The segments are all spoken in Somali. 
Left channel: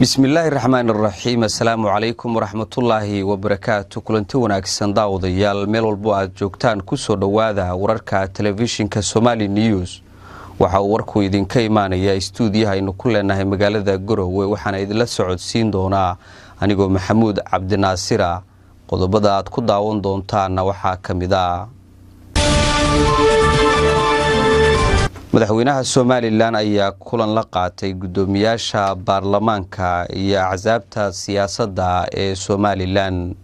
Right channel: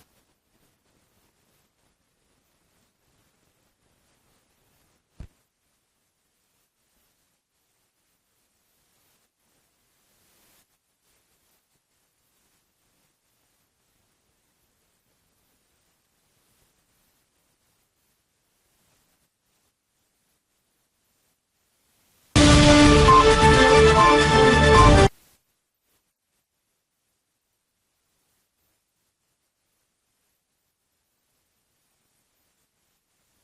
bismillaahi raxmaani raxiim. assalaamu calaykum waraxmatullaahi wabarakaatu. kulanti wanaagsan daawadayaal meel walbo aad joogtaan kusoo dhowaada wararka telefishinka Somali News. waxa uu warku idinka imaanaya istuudiyaha aynu ku leenahay magaalada Garowe, waxaana idinla socodsiin doonaa anigoo Maxamuud Cabdinaasir. qodobada aad ku daawan doontaana waxaa kamid ah madaxweynaha Somaliland ayaa kulan la qaatay gudoomiyaasha baarlamaanka iyo axsaabta siyaasadda ee Somaliland.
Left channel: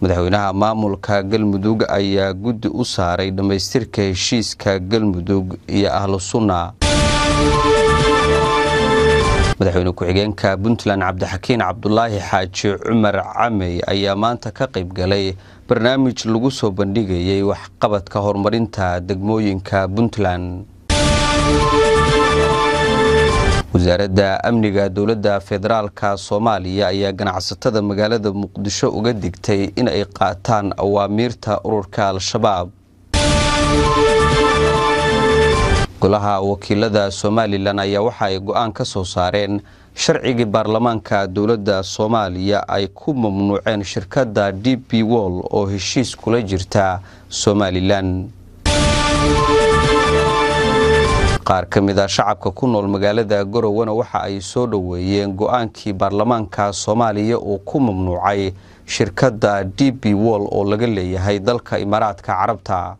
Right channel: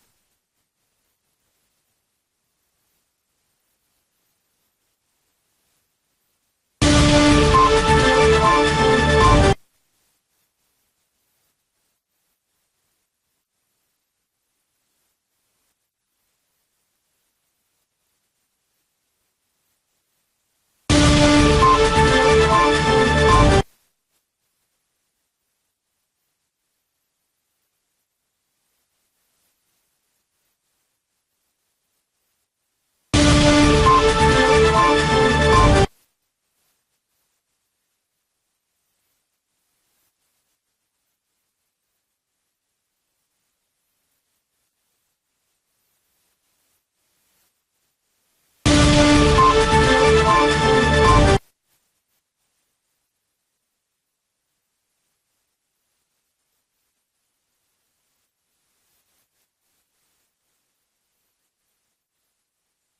madaxweynaha maamulka Galmudug ayaa guddi u saaray dhamaystirka heshiiska Galmudug iyo Ahlu Sunna. madaxweyne ku-xigeenka Puntland Cabdixakiin Cabdulaahi Xaaji Cumar Camey ayaa maanta ka qayb galay barnaamij lagu soo bandhigayay waxqabadka horumarinta degmooyinka Puntland. wasaaradda amniga dowladda federaalka Soomaaliya ayaa ganacsatada magaalada Muqdisho uga digtay in ay qaataan awaamiirta ururka Al-Shabaab. golaha wakiilada Somaliland ayaa waxa ay go'aan ka soo saareen sharcigii baarlamaanka dowladda Soomaaliya ay ku mamnuuceen shirkadda DP World oo heshiis kula jirta Somaliland. qaar ka mid ah shacabka ku nool magaalada Garowe waxa ay soo dhaweeyeen go'aankii baarlamaanka Soomaaliya oo ku mamnuucay shirkadda DP World oo laga leeyahay dalka Imaaraadka Carabta.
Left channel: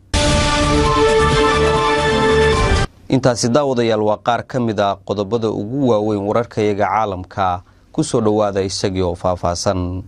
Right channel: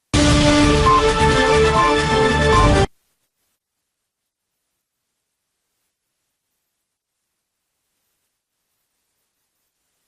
intaasi daawadayaal waa qaar ka mid ah qodobada ugu waaweyn wararkayaga caalamka. ku soo dhawaada isagii oo faahfaahsan.